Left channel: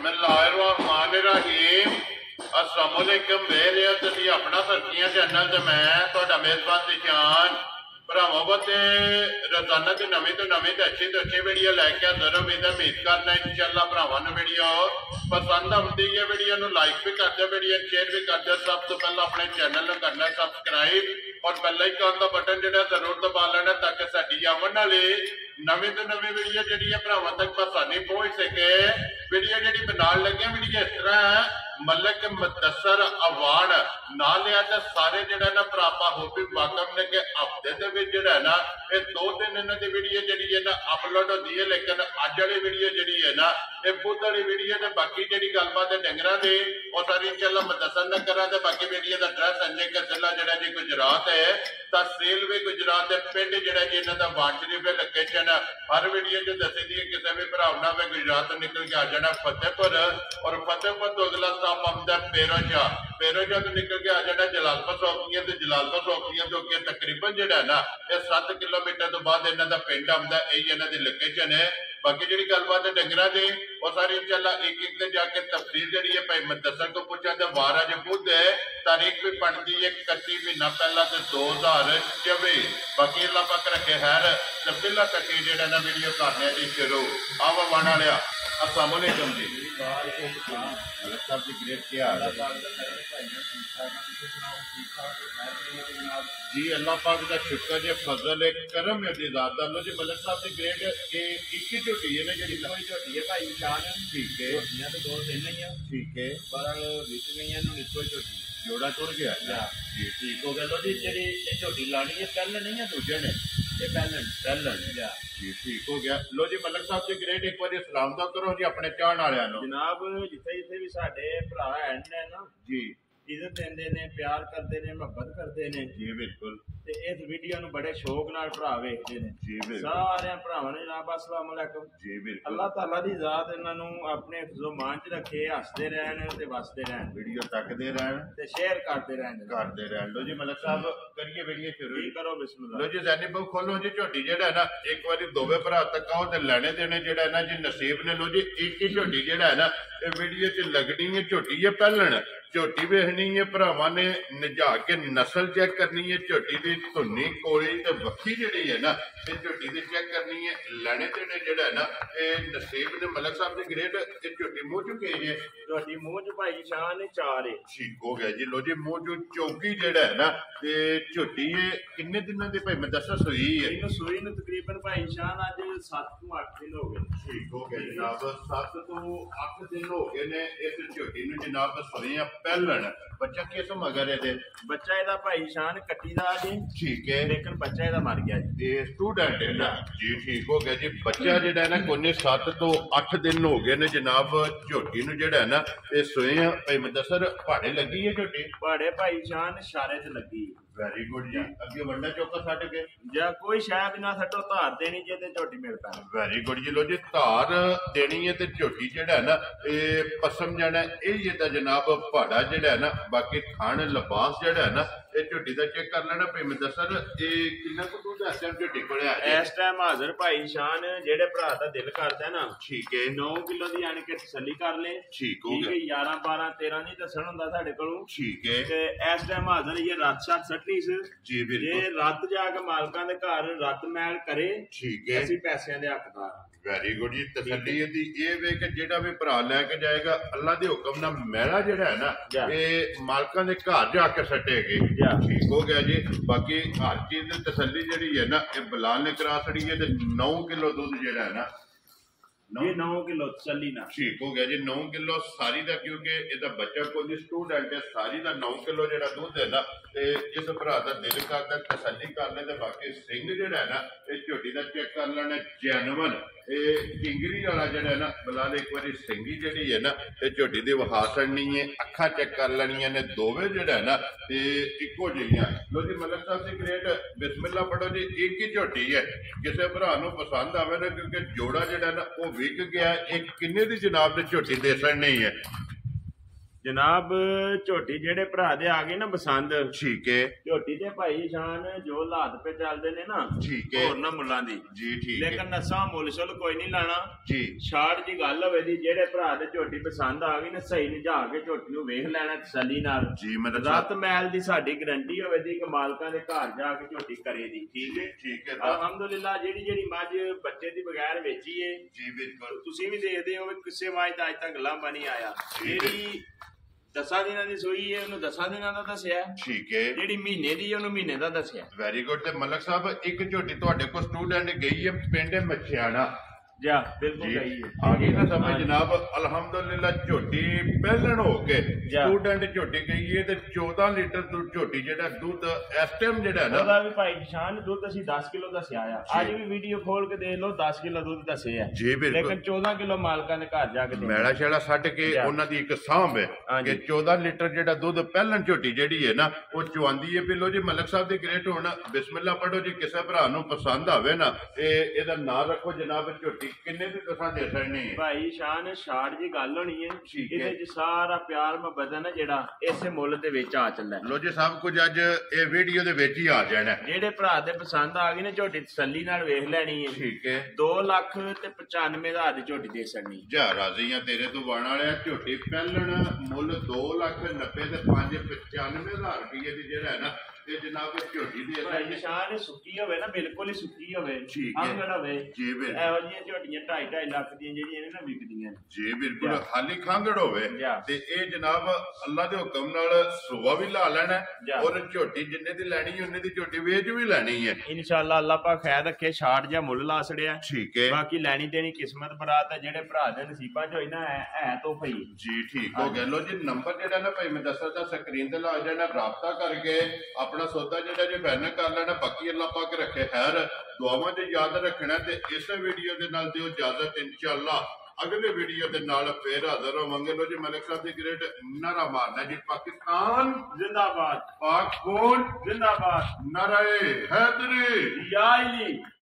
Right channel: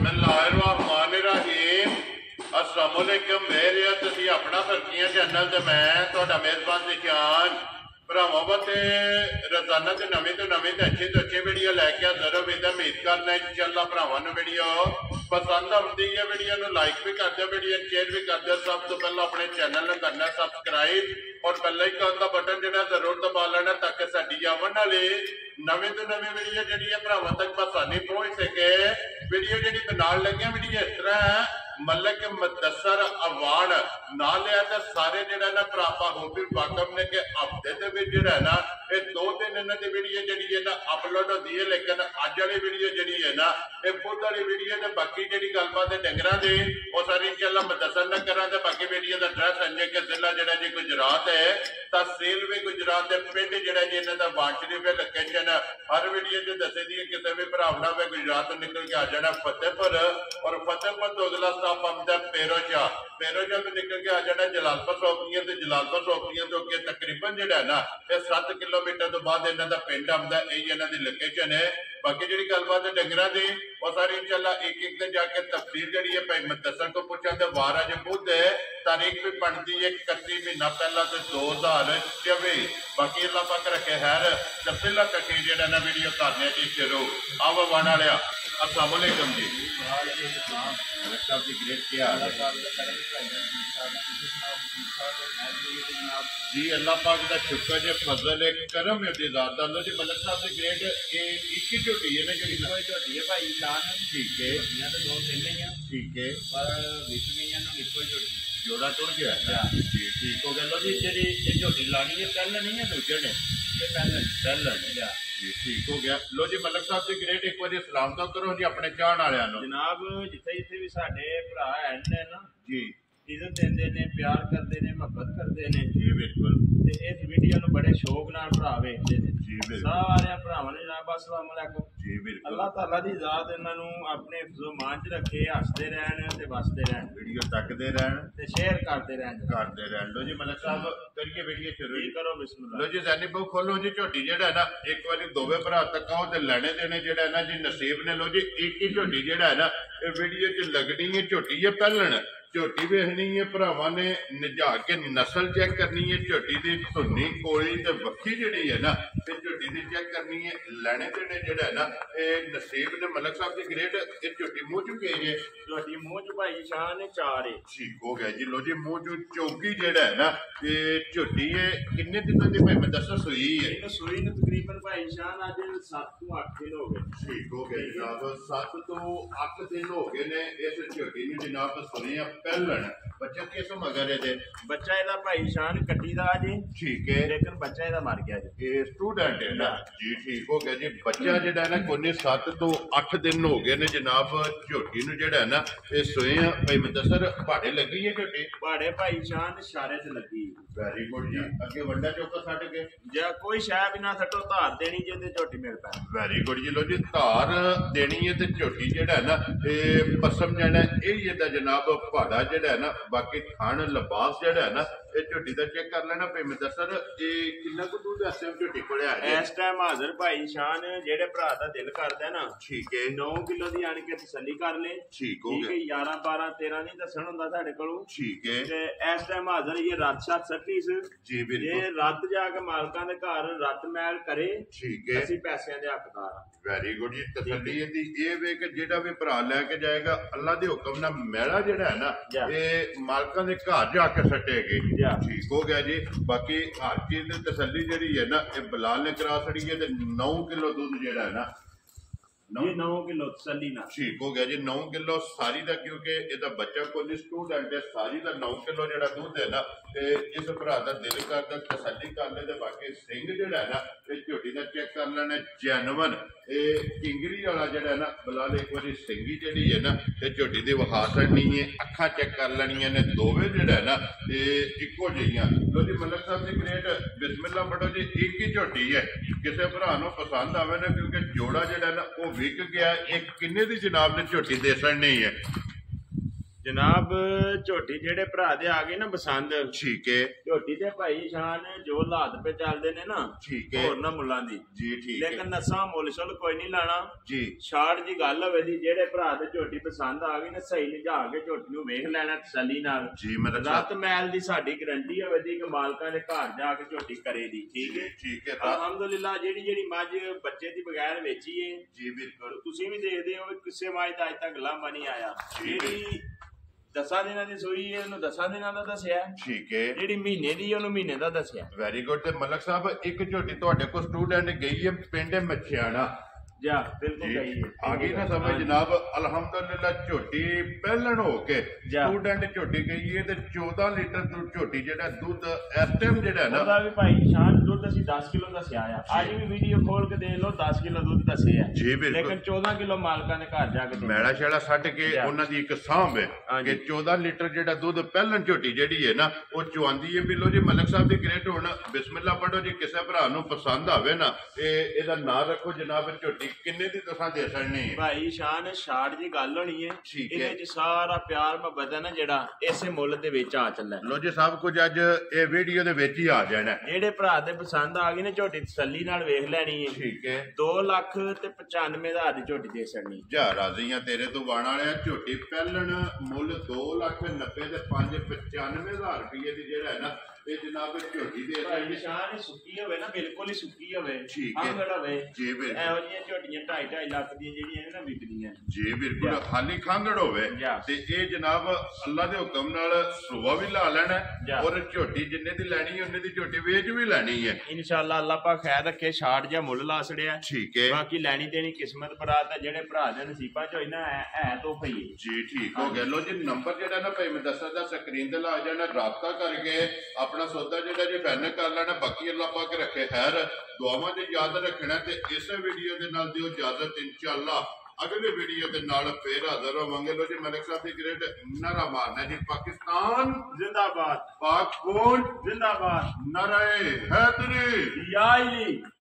बिस्मिल्लाहिर्रहमानिर्रहीम अस्सलाम वालेकुम मेरे तुसी अपना फरकियां चैनल ते मैं तुहाडा मेजबान दिशान भरावां वास्ते रोजाना ते नवीं तो नवीं ते अच्छी वीडियो लैके हाजिर हो। उम्मीद करना इंशाअल्लाह भरावां नूं वीडियो पसंद आउंदी है। वीडियो नूं लाइक भी कर दो, वीडियो शेयर भी कर दो। सब तो पहले अपने चैनल नूं करना सबसक्राइब और बेल आइकन दा बटन जिहड़ा जरूर दबा लेना ताकि साडी आवन वाली नवीं तो नवीं वीडियो जिहड़ी है भरावां तक आसानी पहुंच सके। वीडियो जिहड़ी बनाउण लगे वीडियो इस तरह है मलिक मुदस्सर अवार्ड ना लिया तो सारे जिहड़ा ना भरापा हो भी वाकफ ने कि हफ्ते दे विच जिहड़ा ना ये 2 दिन इन्हां दी वीडियो जिहड़ी है ना अपलोड होंदी है। लेकिन अज वाली वीडियो जिहड़ी है ना ये बुध वाली वीडियो ते बाकी जिहड़ी गलबात है डंगरां दी वो सारी इंशाअल्लाह मुदस्सर न करा ते बाकी वीडियो दा एड्रैस संजय के जिला जिहड़ा जी गुजरात है, तहसील भी गुजरात है, पिंड जिहड़ा जी इन्हां दा वांट शरीफ है। लोकेशन हर वीडियो च दस्सी दी है। किसी भी भरा ना वे गुजरात तो निकल के आ जाना फतेहपुर और फतेहपुर तो अगला स्टॉप आंदा पेरोजा तो निकल के आ जाना जलालपुर चौकियां ते जलालपुर चौकियां तो अगे तकरीबन जिहड़ा ना ये 7 किलोमीटर तो बाद इन्हां दा पिंड आंदा। यही इन्हां दी लोकेशन है। बाकी जी गलबात है डंगरां दी वो सारी इंशाअल्लाह एक एक दिन जाके तफसील जी है भाई मुदस्सर को पूछा तो वार अज बुध है, तारीख भी बनती है 31 महीना पहला तो 2024। बाकी अल्लाह पाक रखे खैर तो पहला तक जो ना वीडियो करने की शुरू आओ वाण वाले अस्सलाम वालेकुम जी। मलिक साहब जी ग्रेट क्या हाल है जी? अल्लाह पाक का शुक्र जे फजल है करम है ज़ात दा जी। मलिक साहब जी ग्रेट एक ही झोटी है ना जी? कोई झोटी है भाई शान। ठीक है, तो 2 दिन ही है। ठीक है, पर विक गई कोई झोटी जोड़ा टुर गया जी। ठीक हो गया लो जी। जी झोटी लानी है पहले नहीं है दूजे ने? ये पहले जी ठीक हो गया लो जी। मलिक साहब जी ग्रेट एक बार सलाम तो करो जी अपने चाहण वालियां नूं। जनाब जिथे जिथे भी साडे भरा है ना जी इज्जत देंदे ने, प्यार करते ने, मुहब्बत करते ने जी बिल्कुल। ते इस वीडियो नूं बड़े शौक नाल भरा वेखदे ने जी बिल्कुल। सारे भरावां नूं जनाब अस्सलाम वालेकुम जी बिल्कुल। अल्लाह ताला दी ज़ात इन्हां नूं अपने हिफ्ज़ो मान च रखे, हसदे रहन ते वसदे रहन, वीडियो तकदे रहन ते शेयर करते रहन। लो जी मलिक साहब करिए वीडियो शुरू जी करो बिस्मिल्लाह। लो जी ज़ैनी बहु खोलो जी। झोटी जिहड़ा ना एक बारी दोवे भरा तक आओ ते लैने देने जिहड़ा ना जी नसीब ने। लो जी एक ही झोटी जिहड़ा है ना ये वीडियो च लगनी है। झोटी है पहलन झोटी वेखनी है भरावां ने निजा के नस्ल चेक करनी है। झोटी की धुनी कोली ते वक्खी जिहड़ी है ना ते झोटी की चेक करनी है। लैने देने जिहड़ा है ना ये नसीब ने। मलिक साहब जी ग्रेट ये झोटी मूँह चुके है झोटी मूँह च भाई शान 4 है। ठीक हो गया जी। लो जी मूँह चू चौकी जिहड़ा है ना ये झोटी है किन्ने दिनों की भाई मुदस्सर सूई है? सूई नूं तकरीबन भाई शान अज 7 तो 8 दिन हो गए। ठीक हो गया जनाब 7 तो 8 दिन हो गए ने इस झोटी नूं जनाब सूईयां पहलन। बच्चा किस मगर है? बच्चा ਇਹਦਾ ਭਾਈ ਸ਼ਾਨ ਕੱਟੀ ਦਾ ਜੀ। ठीक है, लेकिन बच्चा ਇਹਦਾ मर गया जी। ये स्टूडेंट है ना जी। ठीक हो गया जी। बच्चा जिहड़ा है ना कोने 7 तो 8 दिन हो गए ने जनाब झोटी नूं जिहड़ा है ना ये सूईयां भाई मुदस्सर पहाड़े लगी है झोटी? पहाड़े भाई शान इशारे च लगी। वेरी गुड जी। अगे वंडा चौका सट गए ਜਾਂ ਕੋਈ ਸ਼ੈ ਵੀ ਨਾ ਸੱਟੋ, ਧਾਰ ਦੇਣੀ ਜੇ ਤੇ ਝੋਟੀ ਮਿਲ ਪੈਣੀ। वेरी गुड जी। लो जी धार देनी है तो झोटी जिहड़ा है ना ये पसम जाना यही है जनाब पहाड़ा जिहड़ा है ना। बाकी खान लिबास जिहड़ा है ना ये झोटी का चेक कर लेना भाई मुदस्सर ये कितना कुछ दूध इस टाइम झोटी कोले आ जाए? ਇਸ ਟਾਈਮ ਹਾਜ਼ਰ ਭਾਈ ਸ਼ਾਨ ਜਿਹੜੇ ਭਰਾ ਦਾ ਦਿਲ ਕਰਦਾ ਨਾ ठीक है 9 ਕਿਲੋ ਦੀ ਆਣ ਕੇ ਤਸੱਲੀ ਕਰ ਲੈ। ठीक हो ਠੀਕ ਹੈ गया 11 12 13 ਨਹੀਂ ਦੱਸਣ ਹੁੰਦਾ ਸਾਡੇ ਕੋਲੋਂ। ठीक है ਤੇ ਇਸ ਟਾਈਮ ਹਾਜ਼ਰ ਇਹ ਰਾਤ ਸ਼ਾਤ ਸੱਟੀ ਸੀ जी ਜੇ बिल्कुल ਰੱਤ ਜਾ ਕੇ ਮਾਲਕਾਂ ਦੇ ਘਰ ਰੱਤ ਮੈਲ ਕਰੇ ठीक है ਅਸੀਂ ਪੈਸਿਆਂ ਦੇ ਹੱਕਦਾਰ ਹਾਂ। वेरी गुड जी। तसल्ली दी ये वे कि जेड़ा भी भरा लैके जाएगा अल्लाह के हुक्म नाल मैला जेड़ा है ना ये मालकां दे घर जाके सटेगे। ठीक हो गया जी। बाकी हर चीज की तसल्ली जेड़ी है ना ये बिलाल ने करा छड़ी है। 9 किलो दूध जेड़ा है ना ये 9 किलो तसल्ली ना। ठीक हो गया जी। 9 किलो सारी का क्योंकि ਇਹਦਾ ਬੱਚਾ ਕੋਈ ਸਟੂਡੈਂਟ ਹੈ ਸਾਰੀ ਦਾ 9 ਕਿਲੋ ਜਿਹੜਾ ਦੁੱਧ ਹੈ ਨਾ ਤੇ ਜਿਸ ਭਰਾ ਦਾ ਦਿਲ ਕਰਦਾ ਤਸੱਲੀ ਕਰ ਲੈ ਤੇ ਬਾਕੀ ਸਿੰਘ ਜਿਹੜਾ ਹੈ ਨਾ ਇਹ ਝੋਟੀ ਦਾ ਚੈੱਕ ਕਰ ਲੈਣਾ ਜੈਨੂਨ। ਇਹ ਕਿੰਗਰੀ ਵਾਲਾ ਜਿਹੜਾ ਨਾ ਬਲਾਲ ਇੱਕ ਵਾਰੀ ਸਿੰਘੀ ਜਿਹੜੀ ਹੈ ਨਾ ਇਹ ਝੋਟੀ ਦੀ ਵਿਖਾ ਛੱਡਣੀ ਹੈ। ਅੱਖਾਂ ਚੈੱਕ ਕਰ ਲੈਣੀਆਂ ਨੇ ਦੋਵੇਂ ਜਿਹੜਾ ਹੈ ਨਾ ਇਹ ਇੱਕੋ ਜਿਹੀਆਂ। ਲੋ ਜੀ ਮਲਿਕ ਸਾਹਿਬ ਜੀ ਗ੍ਰੇਟ ਬਿਸਮਿਲ੍ਲਾ ਪੜੋ ਜੀ। ਇੱਕ ਹੀ ਝੋਟੀ ਹੈ ਕਿਸੇ ਭਰਾ ਨੂੰ ਪਸੰਦ ਆਵੇ ਨਾ ਕਿਉਂਕਿ ਜੋੜਾ ਜਿਹੜਾ ਨਾ ਉਹ ਵਿਕ गया एक किन्ने दी जनाब ने झोटी दे नहीं है? ਜਨਾਬ ਝੋਟੀ ਜਿਹੜੇ ਭਰਾ ਦੇ ਆ ਗਏ ਨਾ ਪਸੰਦ, ਠੀਕ ਹੈ ਝੋਟੀ ਤੇ ਭਾਈ ਸ਼ਾਨ ਜੋ ਹਾਲਾਤ ਪੇ ਚੱਲਦੇ ਨੇ ਨਾ, ਠੀਕ ਹੈ ਹੋਰ ਨਾ ਮੁੱਲਾਂ ਦੀ ਜੀ ਠੀਕ ਹੈ ਲੇਕਿਨ ਨਸਾਂ ਮੁੱਲ ਸ਼ੁੱਲ ਕੋਈ ਨਹੀਂ ਲਾਣਾ ਜੀ ਛਾੜ ਜੀ ਗੱਲ ਹੋਵੇ ਦੀ ਜਿਹੜੇ ਭਰਾ ਦੇ ਝੋਟੀ ਪਸੰਦ ਆ ਗਈ ਨਾ ਸਹੀ ਨਿਜਾ ਕੇ ਝੋਟੀ ਨੂੰ ਵੇਖ ਲੈਣਾ ਤਸੱਲੀ ਨਾਲ ਜੀ ਮਤਲਬ ਰਤ ਮੈਲ ਦੀ ਸਾਡੀ ਗਰੰਟੀ ਹੋਵੇ ਦੀ ਕਿ ਮਾਲਕਾਂ ਦੇ ਘਰ ਜਾ ਕੇ ਝੋਟੀ ਕਰੇ ਦੀ ਠੀਕ ਹੈ ਠੀਕ ਹੈ ਅਲਹਮਦੁਲਿਲਾ ਜਿਹੜੀ ਮੱਝ ਬੱਚੇ ਦੀ ਬਗੈਰ ਵੇਚੀ ਏ ਜੀ ਬਿਲਕੁਲ ਤੁਸੀਂ ਵੀ ਦੇਖਦੇ ਹੋ ਕਿ ਕਿਸੇ ਮੱਝ ਦਾ ਅੱਜ ਤੱਕ ਲੰਬਾ ਨਹੀਂ ਆਇਆ ਜਿਹੜੀ 10 ਦਿਨਾਂ ਦੀ ਸੂਈ ਹੈ ਉਹਨੂੰ 10 ਦਿਨਾਂ ਦਾ ਦੱਸਿਆ ਠੀਕ ਹੈ ਜਿਹੜੀ ਮਹੀਨੇ ਦੀ ਉਹਨੂੰ ਮਹੀਨੇ ਦਾ ਦੱਸਿਆ ਵੈਰੀ ਗੁੱਡ ਤੇ ਮਲਕ ਸਾਹਿਬ ਇੱਕ ਝੋਟੀ ਤੁਹਾਡੇ ਕੋਲ ਸਟੂਡੈਂਟ ਗਈ ਹੈ ਪਿੰਡ ਮੱਛਿਆਣਾ ਜਾ ਬਿਲਕੁਲ ਗਈ ਆ ਗਈ ਨਾ ਸਮਝ ਜਨਾਬ ਅਲਹਮਦੁਲਿਲਾ ਝੋਟੀ ਪਹਿਲਣ ਹੋ ਕੇ ਸਟੂਡੈਂਟ ਝੋਟੀ ਗਈ ਹੈ ਤੇ 14 ਲੀਟਰ ਝੋਟੀ ਜਿਹੜਾ ਦੁੱਧ ਇਸ ਟਾਈਮ ਜਿਹੜਾ ਨਾ ਉਹਦਾ ਵੀ ਭਾਈ ਨਿਸ਼ਾਨ ਦੁੱਧ ਅਸੀਂ 10 ਕਿਲੋ ਦੱਸਿਆ ਆ ਅੱਜ ਵੀ ਵੀਡੀਓ ਖੋਲ ਕੇ ਦੇਖ ਲਓ 10 ਕਿਲੋ ਦੁੱਧ ਦੱਸਿਆ ਜੀ ਬਿਲਕੁਲ ਲੇਕਿਨ 14 ਕਿਲੋ ਮਾਲਕਾਂ ਦੇ ਘਰ ਜਾ ਕੇ ਮੈਲਾ ਛੇੜਾ ਛੱਡ ਕੇ ਉਹਨਾਂ ਦੀ ਇੱਕ ਸਾਂਭ ਹੈ ਕਿ 14 ਲੀਟਰ ਜਿਹੜਾ ਦੁੱਧ ਪਹਿਲਣ ਝੋਟੀ ਜਿਹੜੀ ਹੈ ਨਾ ਉਹ ਚੁਆਂਦੀ ਹੈ ਬਿੱਲੋ ਜੀ ਮਲਕ ਸਾਹਿਬ ਦੀ ਗ੍ਰੇਟ ਹੁਣ ਬਿਸਮਿਲ੍ਲਾ ਪੜੋ ਜੀ ਕਿਸੇ ਭਰਾ ਨੂੰ ਪਸੰਦ ਆਵੇ ਨਾ ਇਹਦਾ ਨਾਂ ਰੱਖੋ ਜਨਾਬ ਝੋਟੀ ਕਿੰਨੇ ਦੀ ਤੁਸੀਂ ਦੇ ਸਕਣੀ ਹੈ ਭਾਈ ਸ਼ਾਨ ਛਾੜ ਦੀ ਗੱਲ ਹੋਣੀ ਹੈ ਇਹਦੇ ਚ ਸਾਰਾ ਪਿਆਰ ਮੁਹੱਬਤ ਹੈ ਨਾ ਜਿਹੜਾ ਇਸੇ ਮੁੱਲ ਦੇ ਵਿੱਚ ਆ ਚੱਲਾ ਲੋ ਜੀ ਸਭ ਕੁਝ ਅੱਜ ਇਹ ਵੀਡੀਓ ਦੇ ਵਿੱਚ ਹੀ ਆ ਜਾਣਾ ਜਿਹੜੇ ਭਰਾ ਦੇ ਪਸੰਦ ਆ ਗਈ ਨੇ ਝੋਟੀ ਤਸੱਲੀ ਨਾਲ ਵੇਖ ਲੈਣੀ ਹੈ ਠੀਕ ਹੈ 2,95,000 ਦੀ ਝੋਟੀ ਦੇ ਸਕਣੀ ਜਾ ਰਾਜ਼ੀ ਆ ਤੇਰੇ ਤੋਂ ਬਾਣ ਵਾਲਿਆ ਝੋਟੀ ਪਹਿਲਣ ਮੁੱਲ 2,90,000 ਤੇ 5,95,000 ਰੁਪਏ ਦੀ ਜਿਹੜਾ ਹੈ ਨਾ ਇਹ ਜਨਾਬ ਝੋਟੀ ਦੇ ਨਿਸ਼ਾਨ ਸੁੱਕੀ ਹੋਵੇ ਨਾ ਬਿਲਕੁਲ ਹੀ ਸੁੱਕੀ ਹੋਵੇ ਠੀਕ ਹੈ ਹੋਵੇ ਜੀ ਬਿਲਕੁਲ ਇਹੋ ਜਿਹੀਆਂ ਝੋਟੀਆਂ 2.5 ਲੱਖ ਦੀਆਂ ਜਿਹੜੀਆਂ ਨਾ ਵਿਕਦੀਆਂ ਜੀ ਬਿਲਕੁਲ ਖਾਲੀ ਖਾਂਗੜ ਹੋਵੇ ਤੇ ਇਹ ਜਨਾਬ ਅੱਲਾ ਦੇ ਹੁਕਮ ਨਾਲ ਸੁਬਾ ਵੀ ਲਾ ਲੈਣਾ ਔਰ ਝੋਟੀ ਜਿੰਨੇ ਦੀ ਲੈਣੀ ਉਹਨੇ ਦੀ ਝੋਟੀ ਵੇਚ ਵੀ ਲੈਣੀ ਹੈ ਇਨਸ਼ਾਅੱਲਾ ਅੱਲਾ ਪਾਕ ਖੈਰ ਰੱਖੇ ਛਾੜ ਜਾਂ ਮੁੱਲ ਲਾ ਛੜਿਆ ਠੀਕ ਹੈ ਬਾਕੀ ਲੈਣੀ ਦੇਣੀ ਕਿਸਮਤ ਬਰਾਤ ਹੈ ਜਿਹੜੇ ਭਰਾ ਦੇ ਨਸੀਬਾਂ ਚ ਹੋਈ ਨਾ ਹੈ ਤੋਹਫਾ ਹੀ ਜੀ ਠੀਕ ਹੋ ਗਿਆ ਲੋ ਜੀ ਨੰਬਰ ਜਿਹੜਾ ਨਾ ਭਾਈ ਮੈਂ ਦੱਸਦਾ ਸਕਰੀਨ ਤੇ ਲਾ ਜਾਣਾ ਰਾਬਤਾ ਕਰਕੇ ਆਪਣਾ ਸੌਦਾ ਜਿਹੜਾ ਜੇ ਫਾਈਨਲ ਕਰ ਲੈਣਾ ਬਾਕੀ ਅੱਲਾ ਪਾਕ ਰੱਖੇ ਖੈਰ ਦੁਆਵਾਂ 'ਚ ਯਾਦ ਰੱਖਣਾ ਤੇ ਇਸ ਵੀਡੀਓ ਦੇ ਨਾਲ ਦਿਓ ਇਜਾਜ਼ਤ ਇਨਸ਼ਾਅੱਲਾ ਅਗਲੇ ਵੀਡੀਓ ਦੇ ਨਾਲ ਫੇਰ ਹਾਜ਼ਰ ਹੋਵਾਂਗੇ ਲੋ ਜੀ ਮਲਿਕ ਸਾਹਿਬ ਦੀ ਗ੍ਰੇਟ ਨਾਰਾ ਮਾਰਨਾ ਜੀ ਪਾਕਿਸਤਾਨ ਜ਼ਿੰਦਾਬਾਦ ਪਾਕ ਕੌਣ ਜ਼ਿੰਦਾਬਾਦ ਨਾਰੇ ਹੈਦਰੀ ਯਾ ਅਲੀ